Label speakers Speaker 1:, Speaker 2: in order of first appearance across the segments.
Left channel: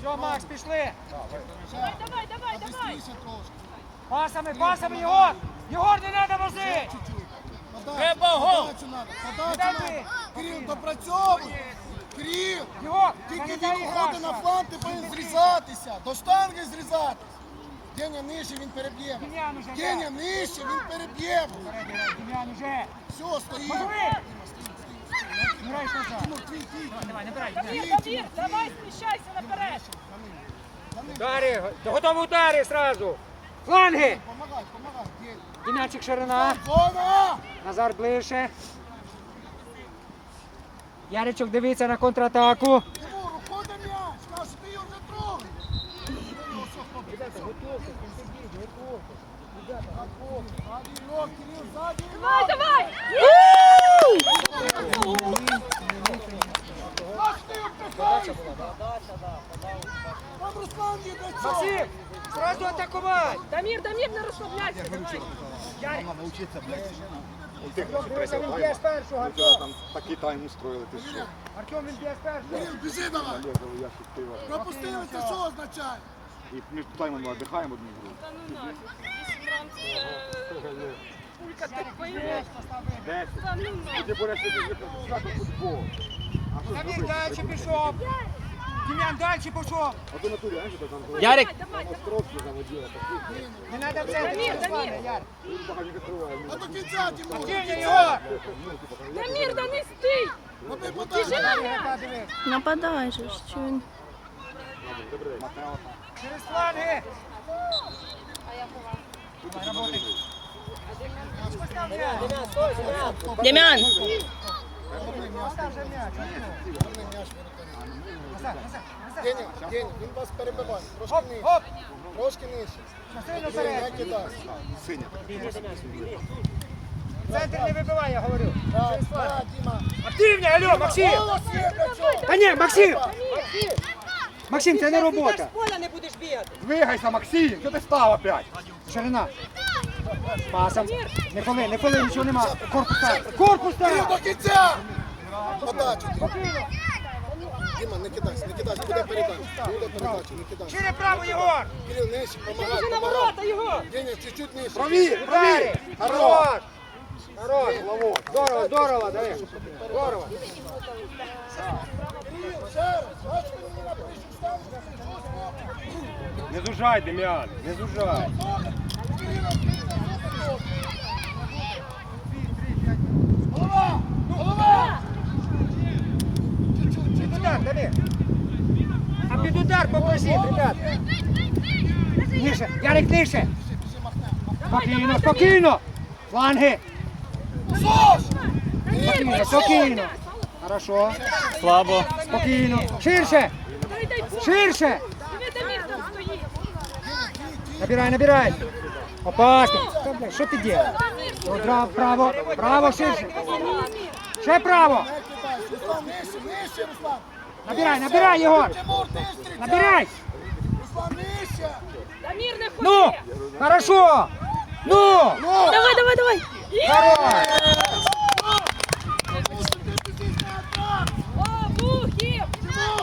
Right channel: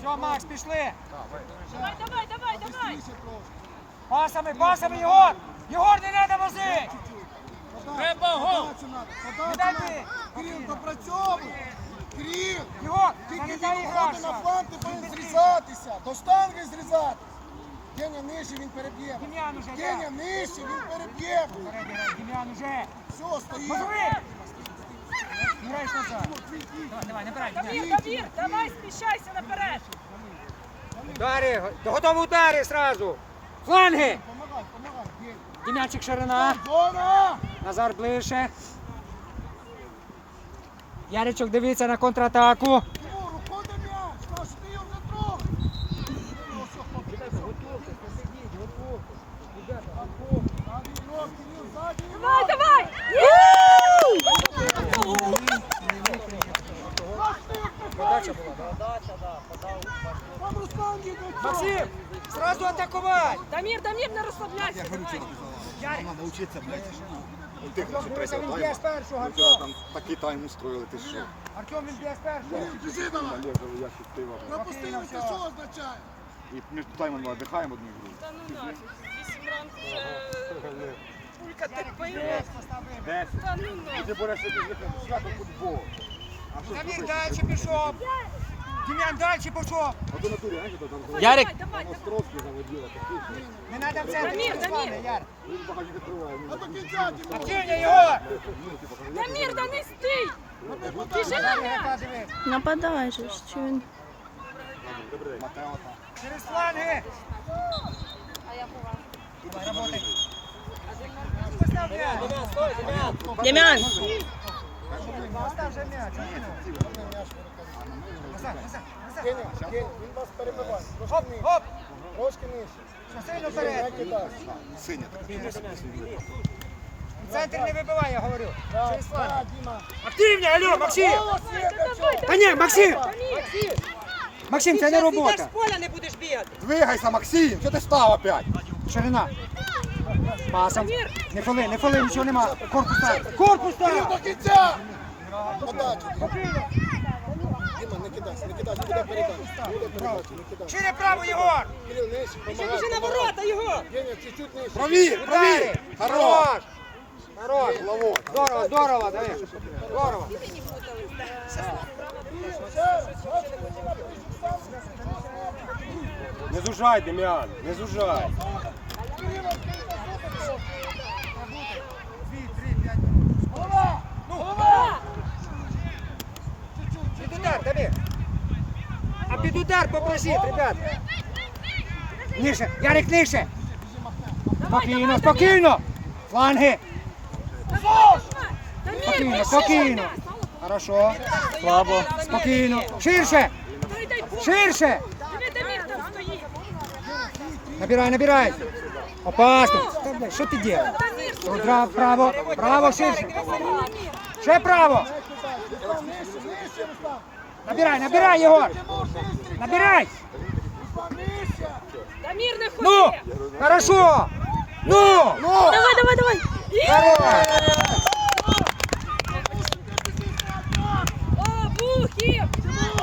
Speaker 1: Все, Макс, пішли.
Speaker 2: Давай, давай, давай, давай.
Speaker 1: Пасами, пасами, Єгор! Єгор, не треба вози! Треба гол.
Speaker 3: Кирил, допрацьовуй.
Speaker 1: Єгор,
Speaker 3: тільки він виходить на фланг, ти повинен зрізатися. До штанги зрізатися. Геня нижче, він переб'є. Геня нижче, він переб'є.
Speaker 1: Дем'ян уже.
Speaker 3: Все, стоїть.
Speaker 1: Давай,
Speaker 2: давай, сміщайся наперед.
Speaker 1: Удари, готові удари сразу. Фланги.
Speaker 3: Геня.
Speaker 1: Дем'янчик ширина. Назар ближче. Яричок дивиться на контратаку.
Speaker 3: Тимур, уходи м'яч. Каже, ти його не трогай. Ну, все, хлопці. Ззаді ігрок, Кирил, ззаді ігрок.
Speaker 2: Давай, давай.
Speaker 3: Там Руслан їде.
Speaker 1: Максим, сразу атакувати.
Speaker 2: Дамір, Дамір, не розслабляйся.
Speaker 1: Ярик,
Speaker 4: Научиться, блядь. Ти. Ми вчора там такий тайм устроїли, ти що?
Speaker 1: Артем, він б'є.
Speaker 3: Кирил, біжи давай.
Speaker 4: Олегову ящик пива.
Speaker 3: Пропустили, це що означає?
Speaker 4: І між таймом віддихаємо одну гру.
Speaker 2: Ну вісім ранку. Кулька ти пиво.
Speaker 4: Десять. Ти береш собі свято футбол. А що
Speaker 1: Дамір
Speaker 4: зробити?
Speaker 1: далі пішов. Дем'ян далі пішов.
Speaker 4: А ти на турі, знаєш, там
Speaker 1: Ярик.
Speaker 2: Давай, давай, давай.
Speaker 4: Островські заводила, такі.
Speaker 1: Не треба в центрі.
Speaker 2: Дамір, Дамір.
Speaker 1: Ярик.
Speaker 4: Він багато відкриває.
Speaker 3: А до кінця, Тимур.
Speaker 1: Активня його.
Speaker 2: Дамір, да не стій.
Speaker 3: Роби подачу.
Speaker 2: Біжи на м'яч.
Speaker 5: Нападай же, ж, що він.
Speaker 1: Через фланги. Давай, работай. Постав м'яч.
Speaker 5: Дем'ян!
Speaker 3: Геня, Геня, він вас кидай.
Speaker 4: Синя.
Speaker 1: Центр не вибивай, я говорю. Активні, алло, Максим. Та ні, Максим. Максим, це не робота.
Speaker 4: Двигайся, Максим, що ти став опять?
Speaker 1: Ширина. Пасом. Не фоли, не фоли, нічого нема. Корпус став. Корпус став.
Speaker 3: Подачу. Діма, не кидайся, не кидайся. Куди передачу? Куди передачу? Не кидайся.
Speaker 1: Шире право, Єгор.
Speaker 3: Кирил, нижче, помагай.
Speaker 2: Біжи на ворота його.
Speaker 3: Геня, чуть-чуть нижче.
Speaker 4: Праві, праві! Хорош!
Speaker 1: Хорош. Здорово, здорово, Давид. Здорово.
Speaker 6: Не зужай, Дем'ян, не зужай.
Speaker 3: Голова! Голова!
Speaker 1: Під удар, Давид. А під удар попросіть, ребят. Ніше, Ярик, нижче. Спокійно, спокійно. Фланги. Спокійно, спокійно. Хорошо.
Speaker 5: Слабо.
Speaker 1: Спокійно. Ширше. Ширше. Набирай, набирай. Опасно. Блядь, что делаешь? Право, право, ширше. Ще право. Набирай, набирай, Егор. Набирай.
Speaker 2: Дамир. Не
Speaker 1: Ну, хорошо. Ну, ну.
Speaker 5: Давай, давай, давай!
Speaker 1: Хорош.
Speaker 2: О, Бухи!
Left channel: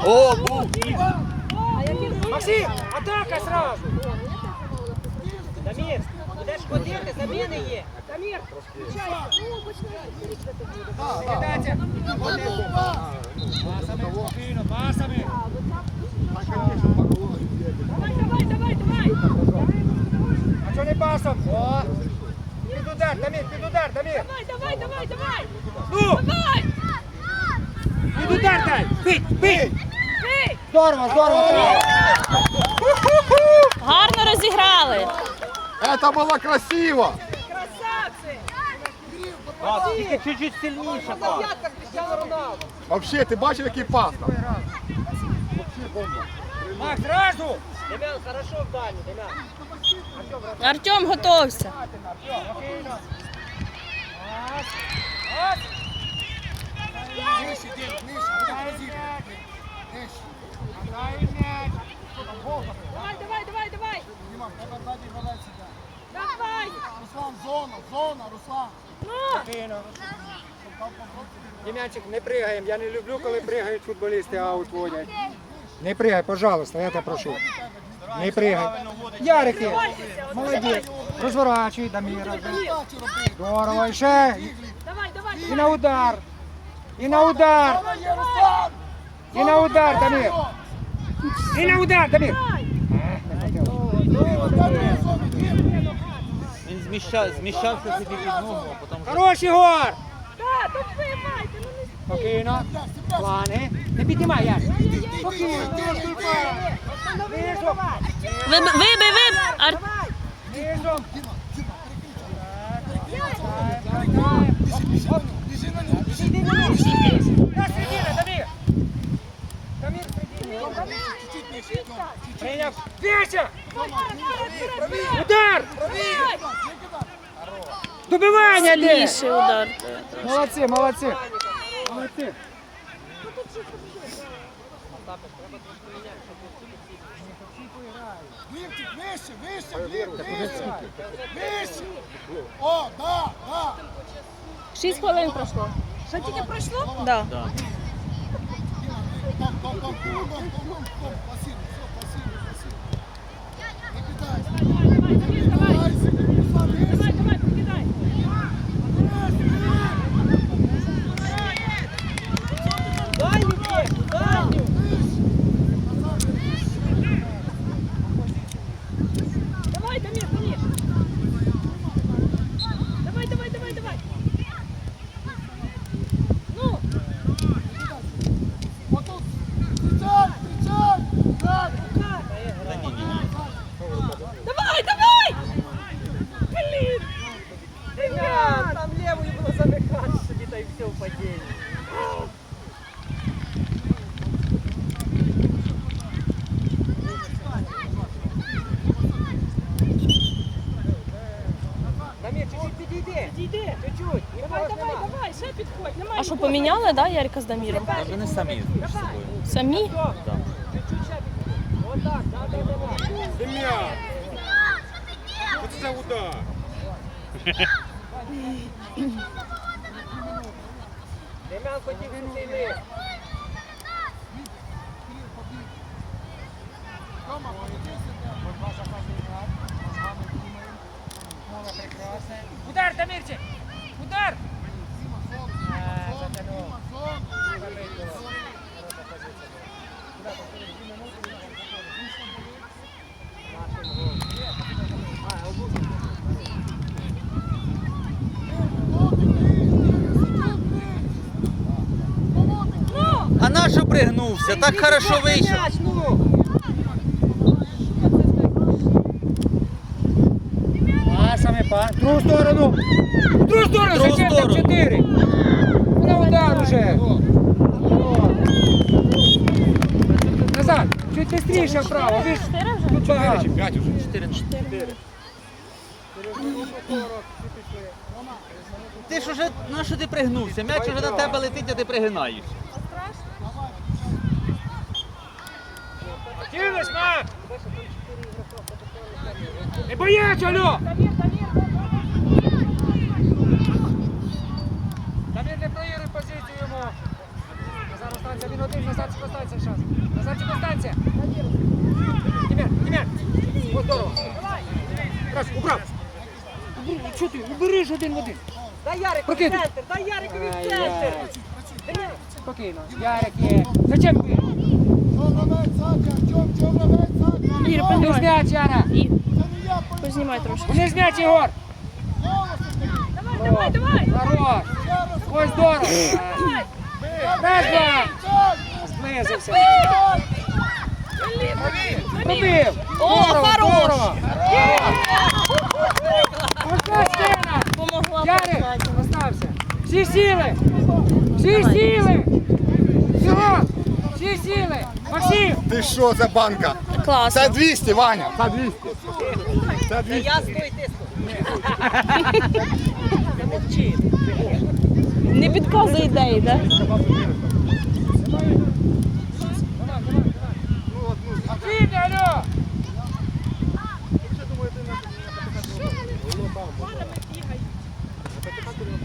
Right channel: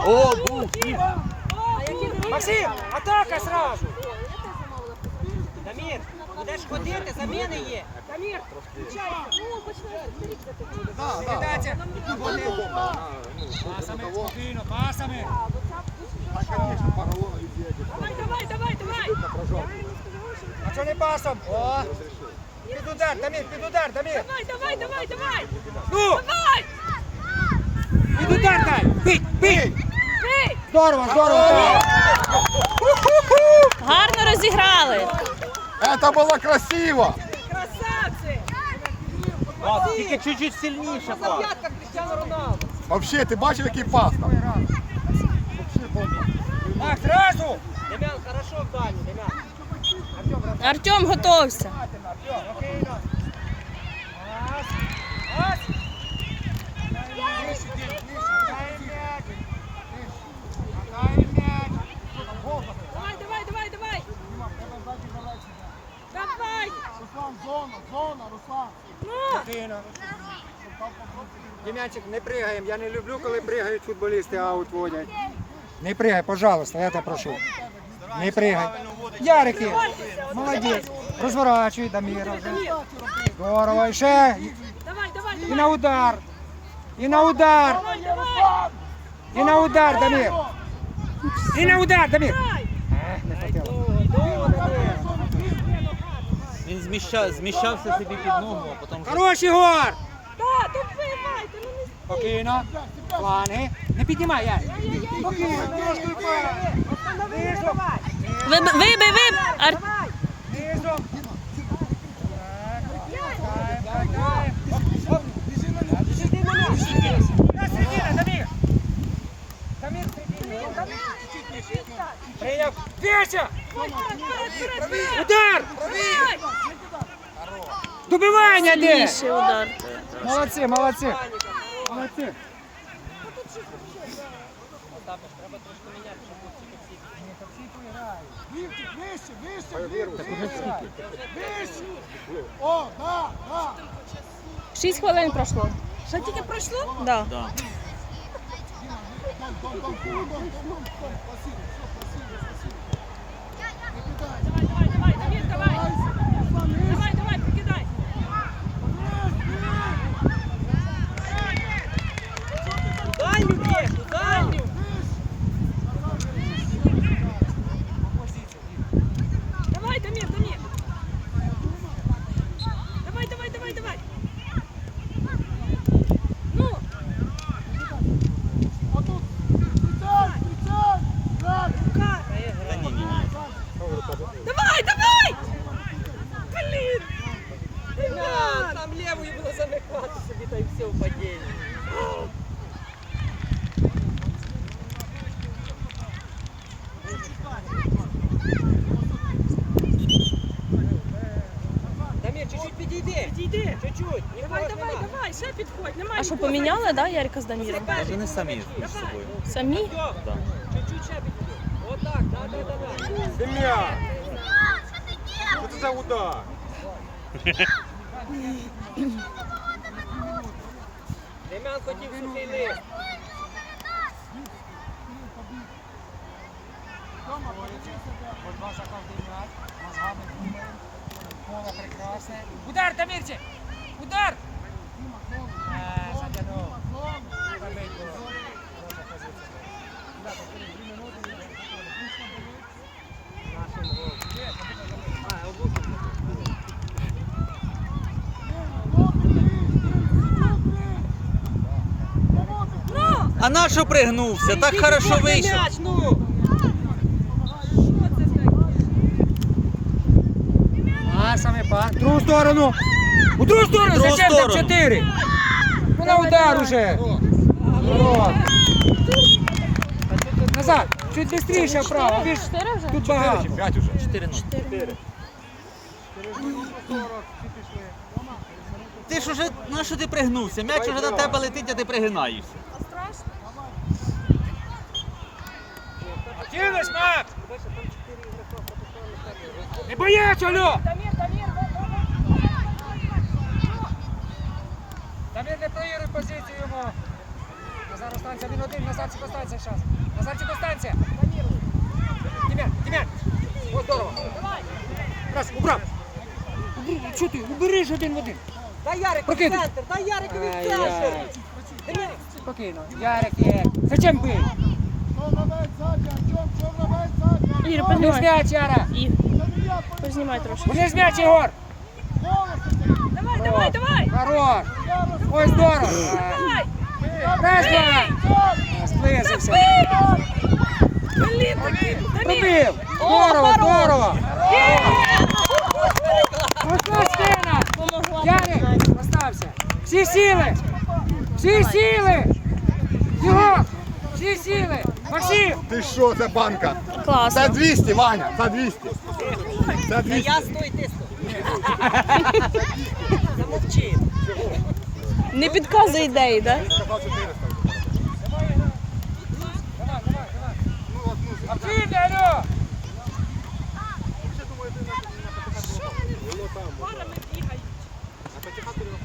Speaker 6: О, бух!
Speaker 2: А?
Speaker 1: Максим, атака сразу. Дамир, будеш ходити, заміни є. Передача. Пасами, спокійно, пасами.
Speaker 2: Давай, давай, давай, давай.
Speaker 1: А що не пасом? О. Під удар, Дамир, під удар, Дамир.
Speaker 2: Давай, давай, давай, давай.
Speaker 1: Ну,
Speaker 2: Давай.
Speaker 1: під удар дай. Бить, бить. Здорово, здорово.
Speaker 5: Гарно розіграли!
Speaker 4: Це було красиво!
Speaker 2: Красавці.
Speaker 1: Тільки чуть-чуть сильніше.
Speaker 4: Вообще, ти бачив, який пас там?
Speaker 1: Макс, зразу. Дем'ян, хорошо в Дем'ян.
Speaker 5: Артем готовся.
Speaker 2: Давай, давай, давай, давай. Давай.
Speaker 3: Руслан, зона, зона, Руслан.
Speaker 1: Дем'янчик, не пригаємо. Я не люблю, коли пригають футболісти, а утводять. Не пригай, пожалуйста, я тебе прошу. Не пригай. Ярики, молодець. Розворачуй, Даміра. Здорово, і ще.
Speaker 2: Давай, давай,
Speaker 1: І на удар. І на удар. І на удар, Дамір. І на удар, Дамір. Ех, не хотів.
Speaker 7: Він зміщав, зміщався собі під ногу, а потім
Speaker 1: Хорош, Ігор.
Speaker 2: Да, то вбивайте, ну не
Speaker 1: Спокійно. Плани. Не піднімай, я. Спокійно. Низом.
Speaker 5: Вибий, вибий, вибий! Ар...
Speaker 1: Низом. Прийняв. Веща! Удар! Добивання де!
Speaker 5: Більший удар.
Speaker 1: Молодці, молодці. Молодці.
Speaker 3: Вівчик, вище, вище, вище. Вище. О, да, да.
Speaker 5: Шість хвилин пройшло.
Speaker 2: Що тільки пройшло?
Speaker 5: Да.
Speaker 2: Давай, давай, прикидай. Дальню бігу, дальню. Давай, Дамир, Дамир. Давай, давай, давай, давай. Ну,
Speaker 3: Кричав, кричав. Далі.
Speaker 2: давай, давай. Блин. Ребят, там левую было замыкать себе, да и все в падении. Дамир, чуть-чуть підійди. Підійди, чуть-чуть. Давай, давай, давай, ще підходь. Немає
Speaker 5: А що
Speaker 2: нікого.
Speaker 5: Поміняли, да, Ярика з Даміром?
Speaker 7: А вони самі між собою.
Speaker 5: Самі?
Speaker 7: Да.
Speaker 2: Чуть-чуть ще. Вот так, да, да, давай.
Speaker 6: Дем'ян! Що це за удар?
Speaker 2: Дем'ян хотів сухий.
Speaker 1: Удар, Дамирчик! Удар!
Speaker 7: А на що пригнувся? Так хорошо вийшов.
Speaker 1: Па. В другу сторону. В другу сторону,
Speaker 7: другу
Speaker 1: зачем
Speaker 7: сторону.
Speaker 1: там чотири? Ну, На удар уже. О. Назад, чуть быстрее вправо.
Speaker 5: Чотири вже?
Speaker 1: тут багато.
Speaker 4: П'ять уже.
Speaker 7: Чотири. Ти ж уже, на що ти пригнувся? М'яч уже до тебе летить, а ти пригинаєшся.
Speaker 1: Кинешь, Макс! Не бояться, алло!
Speaker 2: Дамир, Дамир,
Speaker 1: Дамир, не проігруй позицію йому. Останься, він один, Назарчик останься зараз. Назарчик останься. Тимір, Тимір. Ось здорово. Раз, убрав. Убери, що ти? Убери ж один в один.
Speaker 2: дай Ярику в центр, дай Ярику в
Speaker 1: Ай-яй.
Speaker 2: центр.
Speaker 1: Спокійно. Ярик є. Зачем бив?
Speaker 5: Ігор, познімай. Ігор, познімай трошки.
Speaker 1: Не змяч, Ігор.
Speaker 2: давай, давай, давай.
Speaker 1: Хорош. Ось здорово. Раз, два. Знизився. Пробив. Здорово, здорово. Ярик, остався. Всі сіли. Всі сіли. Всі сіли. Максим.
Speaker 4: Ти що за банка? Це 200, Ваня, це 200. Це 200.
Speaker 2: Я стой, ты
Speaker 5: Не підказує ідеї, да?
Speaker 1: Максим, алло.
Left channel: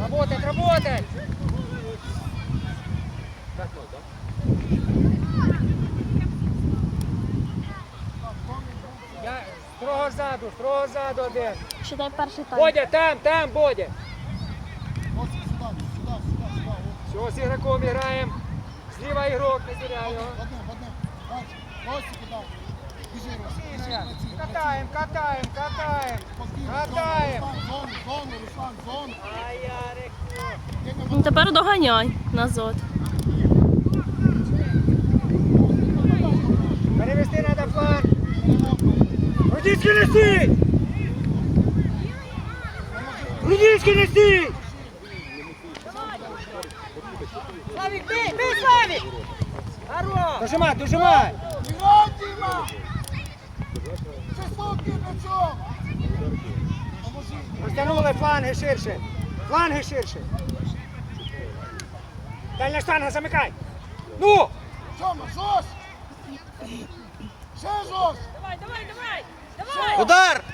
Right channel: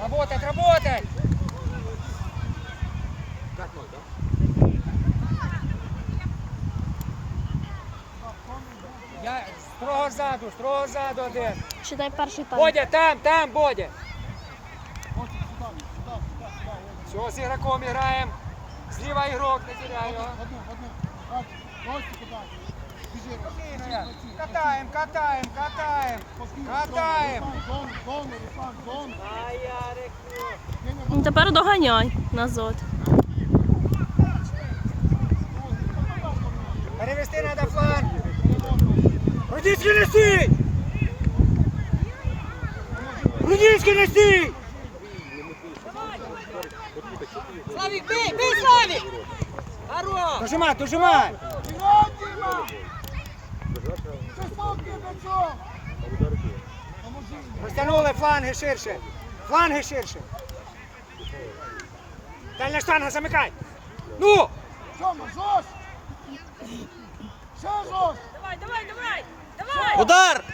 Speaker 1: Работать, работать. ззаду, строго ззаду один.
Speaker 5: Читай перший тайм.
Speaker 1: Бодя, там, там, Бодя. Все, з ігроком граємо. Зліва ігрок, не теряй його. Катаємо, катаємо, катаємо. Катаємо.
Speaker 5: Ну тепер доганяй назад.
Speaker 1: Перевести надо фланг. Рудицький неси! Рудицький неси!
Speaker 2: Славік, бий, бий, Славік! Хорош!
Speaker 1: Дожимай, дожимай! Розтягнули фланги ширше. Фланги ширше. Дальня штанга замикай. Ну!
Speaker 3: Тьома, жорст! Ще жорст!
Speaker 2: Давай, давай, давай! Давай!
Speaker 7: Удар!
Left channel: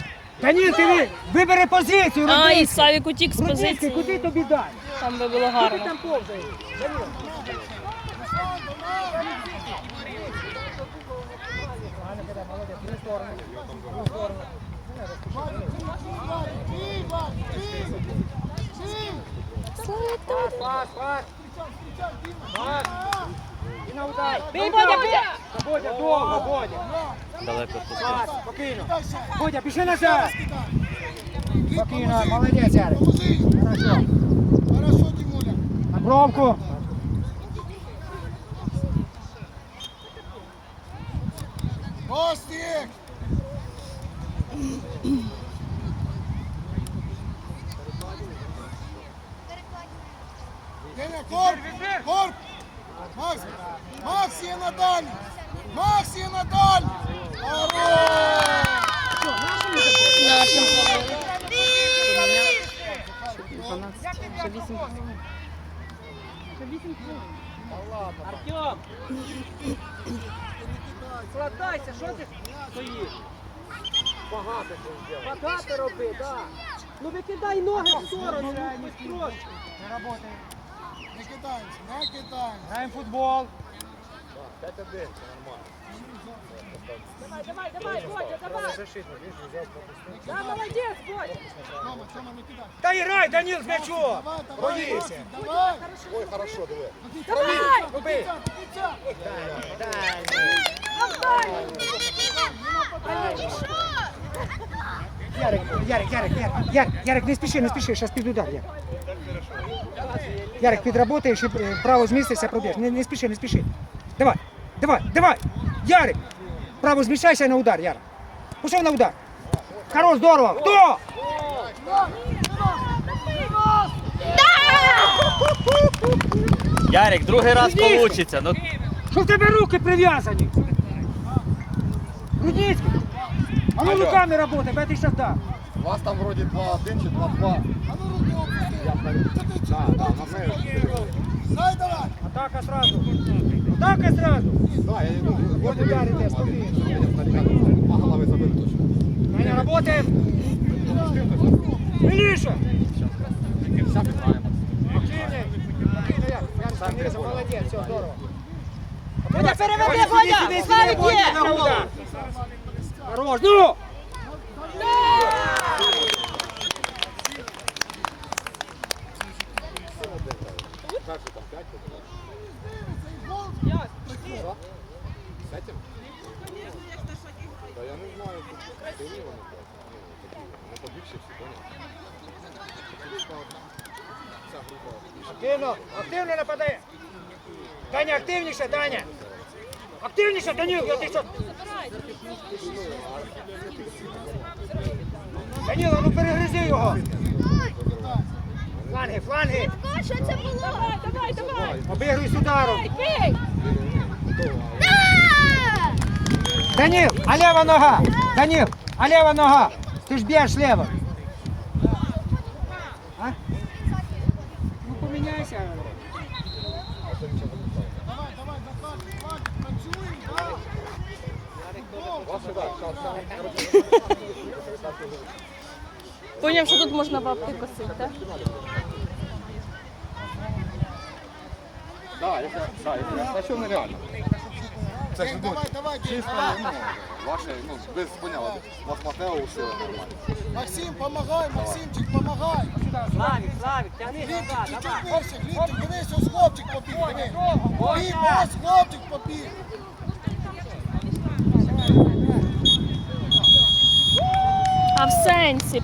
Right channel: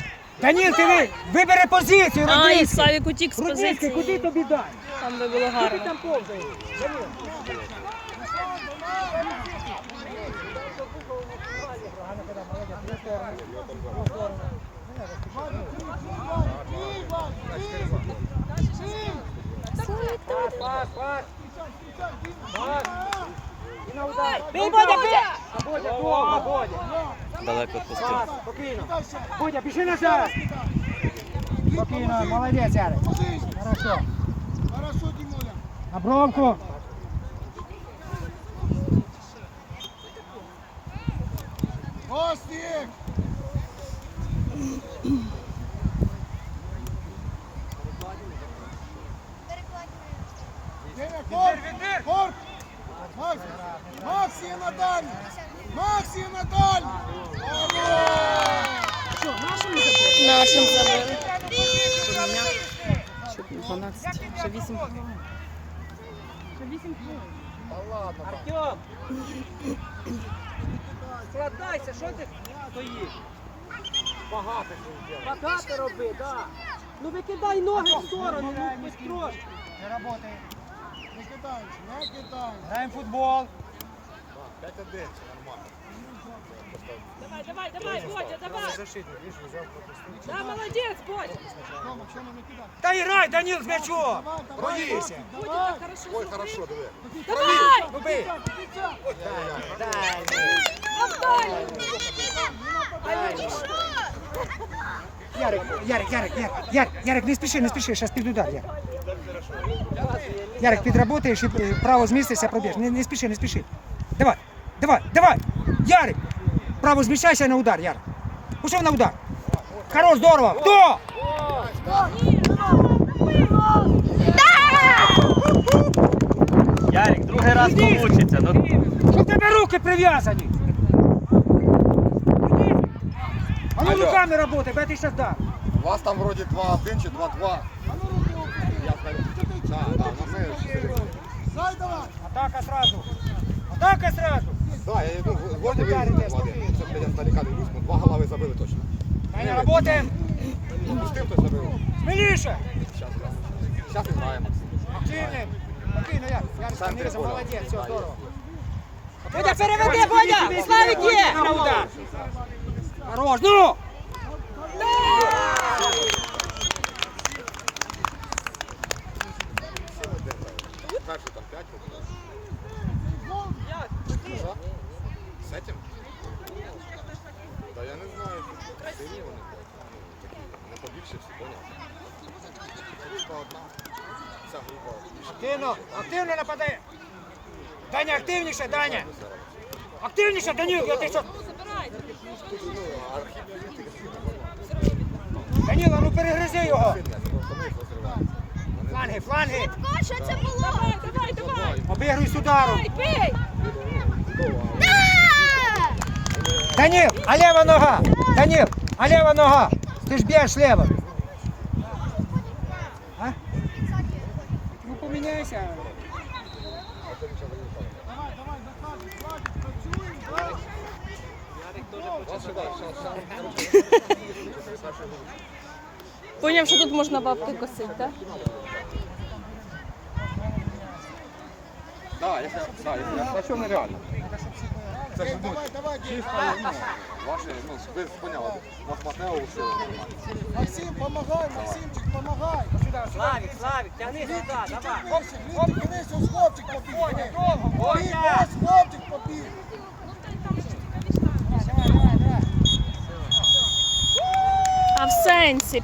Speaker 1: Даніл, ти ви- вибери позицію,
Speaker 5: Ай,
Speaker 1: Рудицький.
Speaker 5: Славік утік з
Speaker 1: Рудицький, куди тобі дай?
Speaker 5: Там би було
Speaker 1: Ти
Speaker 5: гарно.
Speaker 1: там повзаєш. Даніл.
Speaker 3: Бий! Бий!
Speaker 1: Пас, пас, пас. Пас. І на удар.
Speaker 2: Бий, Бодя, бий!
Speaker 1: Бодя, довго, Бодя.
Speaker 7: Далеко відпустив.
Speaker 1: Пас, спокійно. Бодя, пішли назад. Спокійно, молодець, Ярик. Хорошо. На бровку.
Speaker 3: Костік! Деня, корп! Корп! Макс! Максі на дальню! Максі на дальню! Хорош!
Speaker 5: Нашим забили.
Speaker 2: Артем! Складайся, що ти стоїш?
Speaker 1: Багато ти.
Speaker 2: Багато роби, так. Ну викидай ноги в сторону, ну трошки.
Speaker 1: Не работає.
Speaker 3: Кидаємося, не кидаємося.
Speaker 1: Граємо футбол.
Speaker 2: Давай, давай, давай, Бодя, давай. Да, молодець, Бодя.
Speaker 3: Тьома, Тьома, не кидай.
Speaker 1: Та грай, Даніл, з м'ячом.
Speaker 3: Давай, давай.
Speaker 4: Ой, хорошо, диви.
Speaker 2: Давай!
Speaker 1: Роби. Ярик, Ярик, Ярик, Ярик, Ярик, Ярик, не спіши, не зараз під удар, Ярик. Ярик, підработаєш і право змістишся, проб'єш. Не, не спіши, не спіши. Давай, давай, давай. Ярик, право зміщайся на удар, Ярик. Пішов на удар. Хорош, здорово. Хто?
Speaker 7: Ярик, другий раз
Speaker 1: Іди.
Speaker 7: получиться. Ну,
Speaker 1: Що в тебе руки прив'язані? Рудницький. А ну руками работай, бо я ти щас дам.
Speaker 4: У вас там вроді 2-1 чи 2-2. Я кажу, да, да, на мене.
Speaker 3: Дай давай!
Speaker 1: Атака сразу. Атака сразу.
Speaker 4: Да, я ну, вот мене налякати. Два голови забив точно.
Speaker 1: Аня, работаем. Милиша.
Speaker 4: Зараз граємо.
Speaker 1: Активнее. Молодець, все, здорово.
Speaker 2: Бодя! Славік є!
Speaker 1: Хорош!
Speaker 4: Перший там 5 З этим? Да я не знаю, сильні вони, блядь. Ну, всі, поняв? Група одна. Ця група.
Speaker 1: Активно, активно нападай. Даня, активніше, Даня. Активніше, Данил, я ти що? Данила, ну перегризи його. Фланги, фланги.
Speaker 2: Давай, давай, давай!
Speaker 1: Обігруй з ударом.
Speaker 2: Бий!
Speaker 1: Данил, а лева нога? Данил, а лева нога? Ты ж бьешь лево. А? Ну
Speaker 4: зараз.
Speaker 5: Поняв, що тут можна бабки косити, так?
Speaker 4: Да, якщо, да, якщо я хочу, нереально. Це ж ну, чисто, ну, ваше, ну, без поняла. Вас Матео все нормально.
Speaker 3: Максим, помагай, Максимчик, помагай.
Speaker 2: Славік, Славік, тяни сюди,
Speaker 3: Глібчик, чуть-чуть
Speaker 2: давай.
Speaker 3: Глібчик, дивись, ось хлопчик побіг, диви. Гліб, ось хлопчик побіг.
Speaker 5: А в сенсі